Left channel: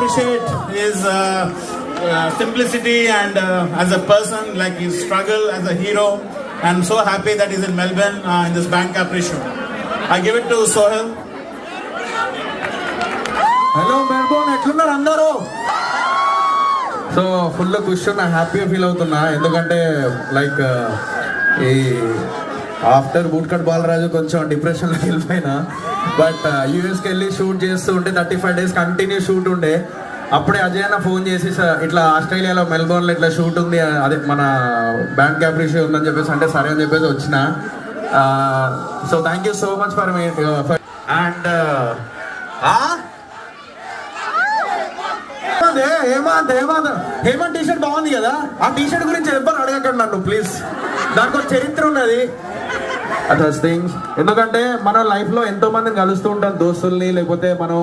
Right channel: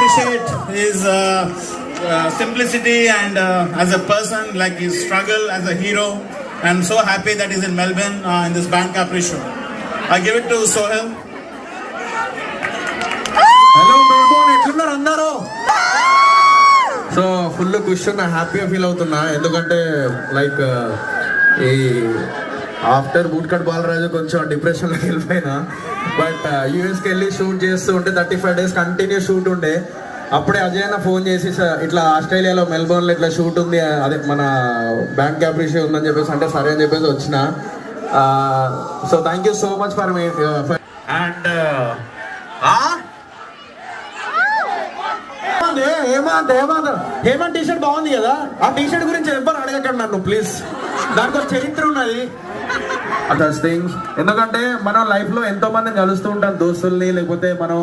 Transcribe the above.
appreciate his simplicity and as a person, like his struggle as a hero. I'm so happy that he's in Melbourne in this Band Capri show. I give it to Sohail. Hello Melbourne, ఎట్లున్నారు అందరూ? So full ఖుషి ఉన్నా, హ్యాపీగా feel అవుతున్నా. ఎందుకంటే like ఈ after bootcut Balaraju కొంచెం డిప్రెషన్లోకి వెళ్ళిపోయినా. బట్ యూఎస్కి వెళ్ళి షూట్ చేస్తూ ఉంటే 35 days కంటిన్యూ షూట్ ఉండే. అప్పుడే అజయ్ అన్న ఫోన్ చేసి ఇట్లా ఆస్ట్రేలియాలో మెల్బోర్న్లో ఇట్లా షూట్ ఉంది, అదే మన బ్యాండ్ క్యాప్రీ షో ఉందని చెప్పేసి అంటే సరే అని చెప్పేసి వచ్చిన. So thank you so much for and Hemanth t shirt బాగుంది కదా, ఆ టీషర్ట్ గురించి ఎవరు అడగకండి నన్ను ప్లీజ్. దానికి ఒక చరిత్ర ఉన్నది అదర్స్ థింగ్స్. ఎందుకంటే మనం లైఫ్ లో ఎంతో మందిని కలుస్తూ ఉంటాం, దోస్తుల్ని, లేకపోతే మనం